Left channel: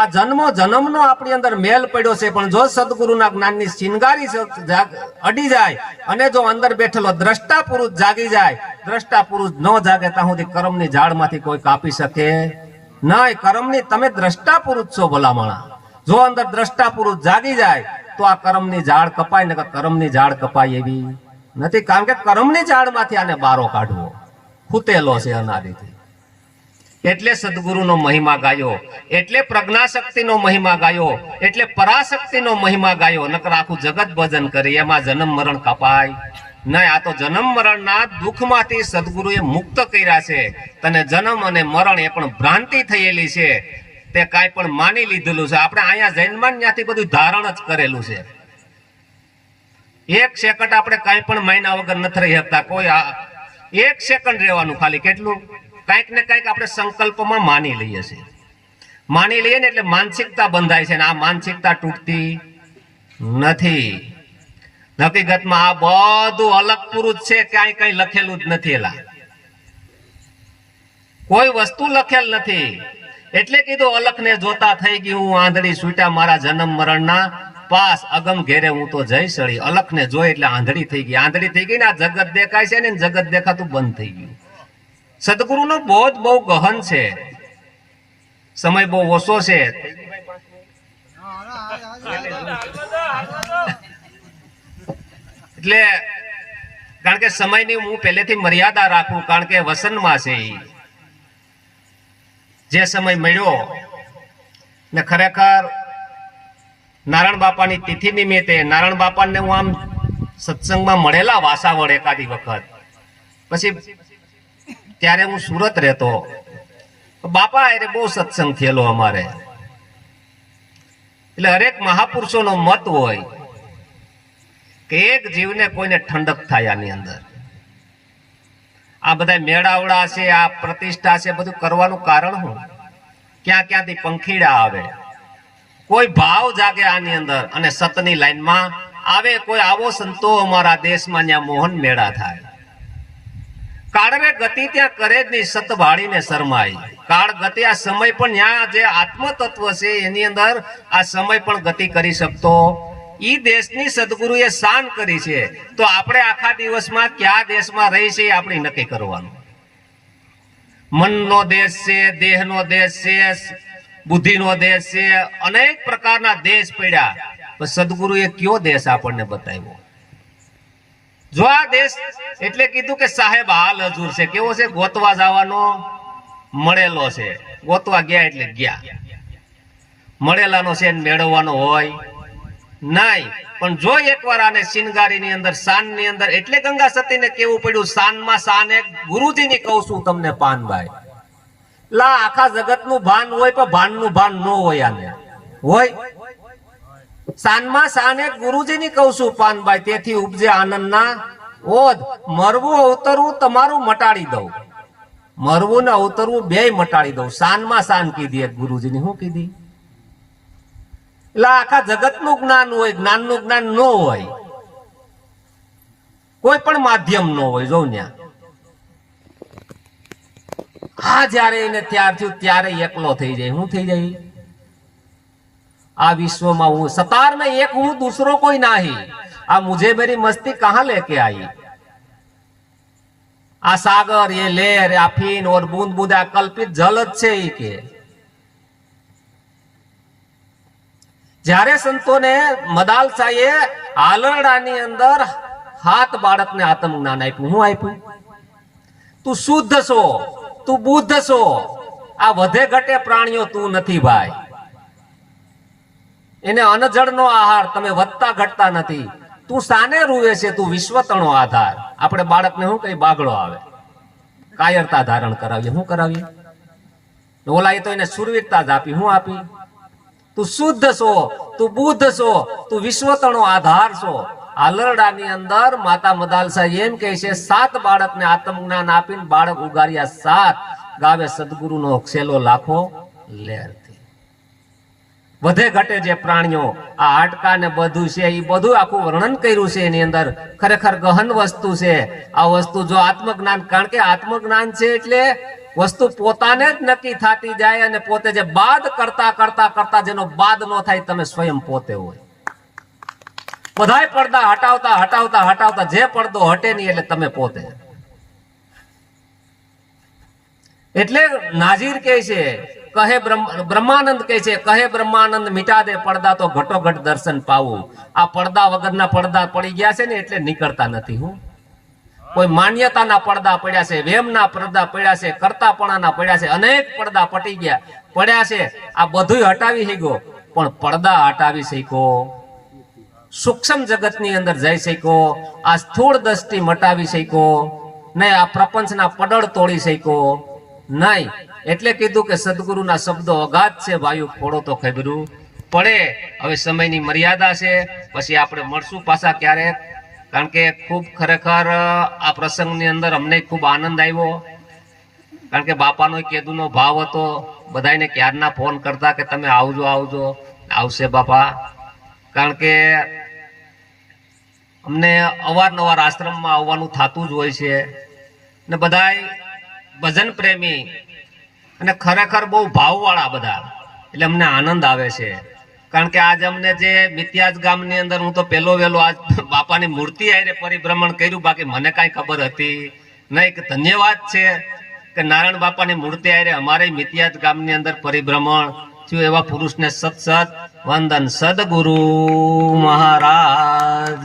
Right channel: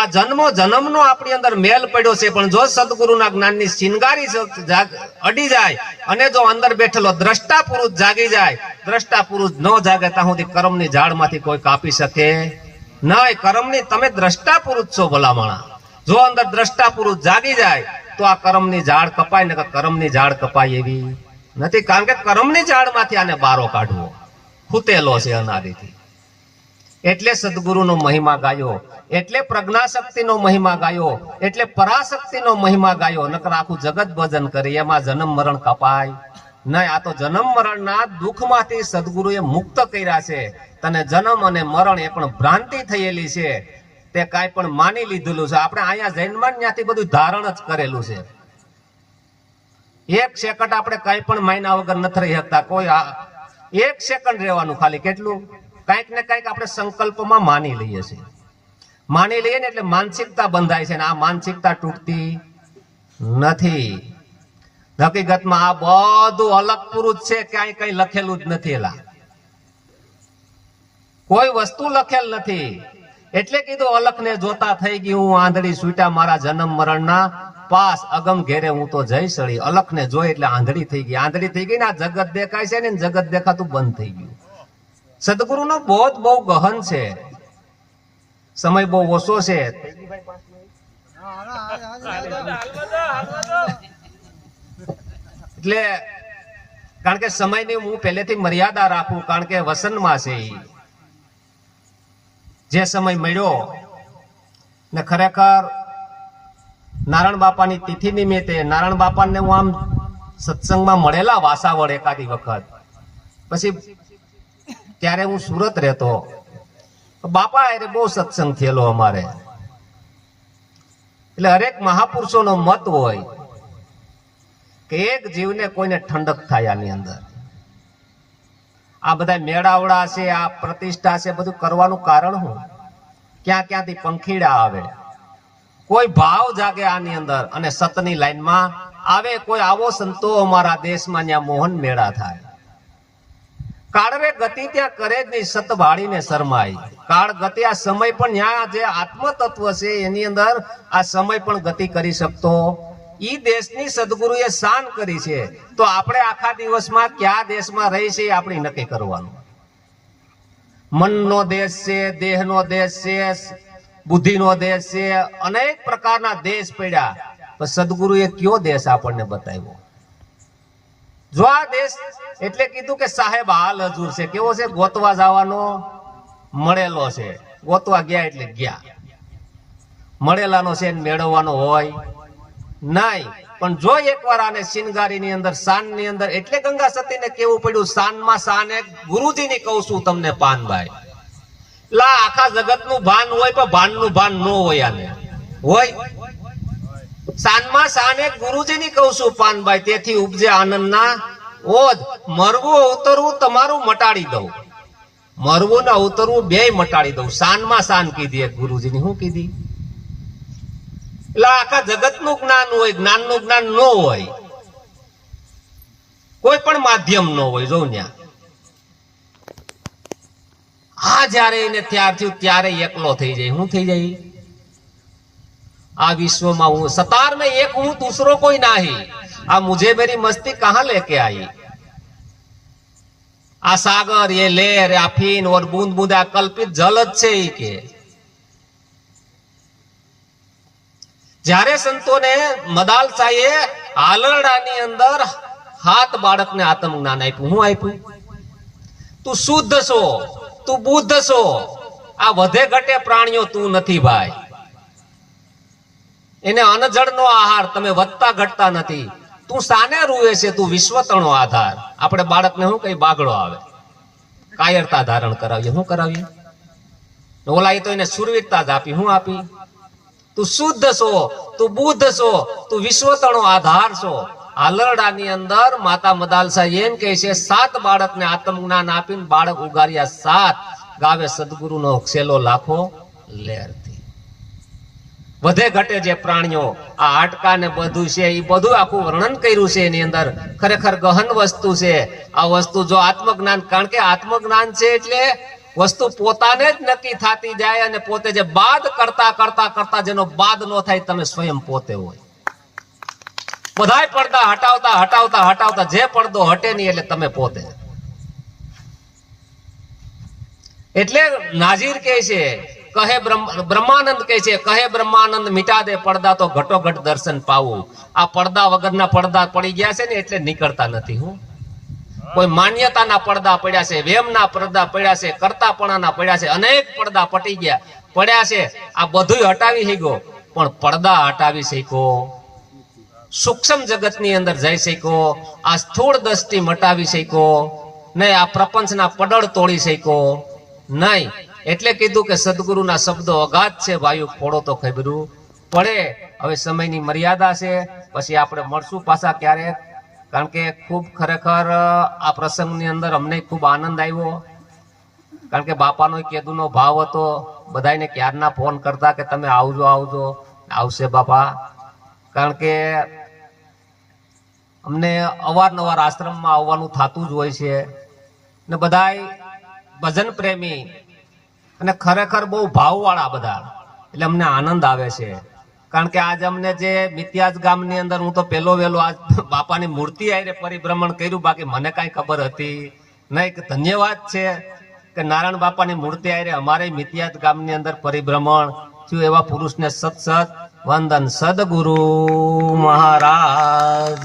આ જન્મો જન્મનો આપણી અંદર મેલ પડ્યો છે, પણ જો સદગુરુના જ્ઞાનની શિંગારી અડી જાય અને જો અંદર બેઠેલો દ્રષ્ટા પુરુષ જાગી જાય, દ્રષ્ટા પુરુષ ન જાગે ત્યાં સુધી કર્મની ઝાડમાંથી કોઈ કાપી શકે નહીં. કર્મની તમે દ્રષ્ટા પુરુષ છો ભલામણા. જો અંદર દ્રષ્ટા પુરુષ જાગી જાય તો આ કર્મની ઝાડ કપાય, ને કર્મની ઝાડ કપાય એવી નથી. કારણ કે કર્મની ઝાડમાંથી આને બારો કાઢવો ખૂતેલો છે અનાદિથી. એટલે સદગુરુનો મહિમા ગાયો, એટલે પ્રજ્ઞાશક્તિનો મહિમા ગાયો, એટલે પરાશક્તિનો મહિમા ગાયો. નકર આખું જગત ભજન કરી એમાં જન્મ મરણ કપાય નહીં. આ તો જન્મ મરણના દુઃખમાંથી સદગુરુએ મુક્ત કર્યા છે. તને જન્મ અને મરણ એ પણ ભ્રાંતિ થયેલી છે, તે કાંઈ પણ માની લીધેલું છે. આપણે અહીંયા જન્માન ત્યાંથી બધું ધારણ જ કરેલું છે. એક સેકન્ડ આપણે કાંઈ પણ માયના વગર નથી રહી શકતા. કોઈ એક સેકન્ડ રહેવાનું ખાલી કેટલું કાંઈક ને કાંઈક આપણે સંકલ્પમાં માની લઈએ છીએ. માની લઈએ ને એટલે માનસિકતા બંધાય છે, ને આ માનસિકતા તૂટતી નથી. હકીકતમાં આ બધું અલગ પુરુષ છે, ક્યાંય કઈ લખેલું જ નથી. એલા કોઈ વસ્તુ લખેલ નથી. એટલે કીધું અલખને જોતા થઈ ગઈ હું આંધળી, છૂટા મારા જન્મ મરણના પાસ, અગમ ઘેરે હું તો જઈ સળી. અલખને જોઈ એટલે આંધળી થઈ ગઈ. આંધળી થઈ ગઈ ને આ જગત દેખાય છે ને, જગત દેખાતું બંધ થઈ ગયું. સદગુરુનો બોધ બહુ ગહન છે, સમય બહુ ઓછો છે. એટલે કારણ કે સમયની હું પહેલેથી મર્યાદા રાખું, કારણ કે વસનમાં છે જે સમય મળ્યો ને. ખરેખર નારાયણ બાપાની તિથિ નિમિત્તે નારાયણ બાપાને હું આમ સત્સંગમાં મળેલા વાસાવડ એકાદી વખત, પછી ત્યારે હું સુરત રહેતો. બાપા એટલે બહુ સત્સંગ થયેલો અમારે. એટલે હરેક મહાપુરુષોનો મત હોય કે એક જીવને કોઈને ઠંડક થાય આની અંદર. આ બધા મેળાવડા છે, આ પ્રતિષ્ઠા છે, બધું કરવાનું કારણ શું? ક્યાં ક્યાંથી પંખીડા આવે, કોઈ ભાવ જાગે આની અંદર અને સતની લાઈનમાં આવે. કોઈ આવો સંતો અમારા દેશમાં ત્યાં મોહન મેળા થાય. કાળવે ગતિ ત્યાં કરે જ નહીં, સત ભાળીને શરમાય. કાળ ગતિ આ સમય પણ ત્યાં જે આત્મ તત્વ છે એની અંદર આ સમય પણ ગતિ કરી શકતો. ઈ દેશની સદગુરુએ શાન કરી છે. તો આપણે આખા દિવસમાં કયા દેશમાં રહી છે આપણે નક્કી કરવાનું. મનનો દેશ છે, દેહનો દેશ છે, બુદ્ધિનો દેશ છે, અનેક પ્રકારના દેશ પડ્યા. પણ સદગુરુએ કયો દેશ આપણને બતાવ્યો? જો આ દેશ એટલે કીધું કે સાહેબ હાલ હજુર છે. કેવો છે? ગોતવા જવાનો મળેલો છે. ગોતવા ગયા એટલે ગયા. મળેલાનો છે મેળવવાનો હોય નહીં. પણ જો એકવાર આને શિનગારીની અંદર, શાનની અંદર, એટલે ગંગા સતીને કેવું પડ્યું, શાનમાં શાન એક ગુરુજીની કહું છું તમને પાનભાઈ. લા આખા જગતનું ભાન હોય પણ ભાનનું ભાન ન હોય. આને હોય શાનમાં શાન એક ગુરુજીની કહું છું પાનભાઈ. તેથી ઉપજે આનંદના ઓધ. મરવું ઉતરવું તમારું મટાડી દઉં, મરવું ને ઉતરવું બેય મટાડી દઉં. શાનમાં શાન કીધી એક ગુરુજીની. શું કીધી? એટલે આખા જગતનું જ્ઞાન હોય, જ્ઞાનનું જ્ઞાન ન હોય, કોઈ પણ માધ્યમ ન હોય. જોઉં ત્યાં આ જયારે એને ત્યાર થયું ત્યારે એકલો થઈ જાય. શું થઈ જાય? આ વિશ્વમાં હું સતાર में एक हूं, दूसरो कोई नहीं. आ मुझे मेरी मस्ती कहां लेके आई? आ सागर, ये लहर, आ फीन और बूंद बूंद आ कल्पित जल જ છે ઈ કે. જ્યારે સંતોને મદાલસાએ હાલરડાની અંદર હાથ બાળકને આત્મ જ્ઞાન આપ્યું. હું આપ્યું? તું શુદ્ધ છો, તું બુદ્ધ છો. આ વધે ઘટે પ્રાણીઓ તું નથી ભાઈ. એને અનજળનો આહાર. તમે વધતા ઘટતા નથી. તું સાને રૂવે છે? તું વિશ્વતણો આધાર. આપણે બાળકને શું કઈ બાગડો આવે, કાયરતા ધારણ કરાવીએ. શું કરાવીએ? ઓલા તો એને સુરવીરતા જ આપી. શું આપી? તું શુદ્ધ છો, તું બુદ્ધ છો, તું વિશ્વતણો આધાર છો. હાલરડાની અંદર માતા મદાલસા એમ કહે છે, 7 બાળકને આત્મજ્ઞાન આપીને બાળક ઉગાર્યા 7. ગાવે સદગુરુનો છેલ્લો લાખો લહેરથી. વધે ઘટે જે પ્રાણીઓ, આ હાડકા ને બધું છે, એ બધું આખું વર્ણન કર્યું છે એની અંદર. ખરેખર ગહન વસ્તુ છે આ વસ્તુ. જો આત્મજ્ઞાન, કારણ કે આત્મજ્ઞાન છે એટલે વસ્તુ પોતાને જ નક્કી થતી જાય અને પોતે જે બાદ કરતા કરતા કરતા જેનો બાદ ન થાય તમે સ્વયં પોતે હોય. બધાય પડદા હટાવતા હટાવતા હટાવતા જે પડદો હટે નહીં એટલે તમે પોતે. એટલે નાઝીર કહે છે, કહે બ્રહ્માનંદ કહે છે, કહે બ્રહ્માનંદ મિટા દે પડદા તો ઘટોઘટ દર્શન પાવું. આ પડદા વગરના પડદા પડી ગયા છે ને એટલે નીકળતા નથી. હું કોઈ માન્યતાના પડદા પડ્યા છે, વેમના પડદા પડ્યા છે, કરતાપણાના પડ્યા છે, અનેક પડદા પટી ગયા પડ્યા છે. આ બધું હટાવી શક્યો પણ પડદા હટાવી શક્યો, સૂક્ષ્મ જગતની અંદર જઈ શક્યો, આ સ્થૂળ દ્રષ્ટિ મટાવી શક્યો નહીં, આ પ્રપંચના પડળ તોડી શક્યો નહીં. એટલે કીધું કે સદગુરુના શબ્દો અગાધ છે, વાયુ ફોડો તો ખબરું પડે. હવે સમયની મર્યાદા છે, પછી આપણે મળશું પાછા ક્યારેક. કારણ કે ખૂબ ખરેખર આ પ્રસંગની અંદર અમને ખૂબ આનંદ આવ્યો. કારણ કે બાપાનો કેદુનો ભાવ હતો. બધાને ક્યારના ફોન કરતા કે તમે આવજો આવજો. આવશે બાપા. કારણ કે અમને અવારનવાર આશ્રમમાં આવવાનું થતું જ હોય છે ને બધાય ભજન પ્રેમી અને ખરેખર બહુ ભાવવાળા બધા, એટલે અમને આનંદ આવે છે. કારણ કે આજ અમને જે મિત્યાજ ગામની અંદર હું તો પહેલો વહેલો આજ બાપાની મૂર્તિ આવીને પરિભ્રમણ કર્યું, બાકી મને કાંઈ ખબર હતી નહીં. કે ધન્યવાદ છે કે નારાયણ બાપાની મૂર્તિ આવીને અમારે મિત્યાજ ગામની અંદર પરિભ્રમણ થયું. એવા પુરુષને સત સત વંદન. સદગુરુ મહારાજ.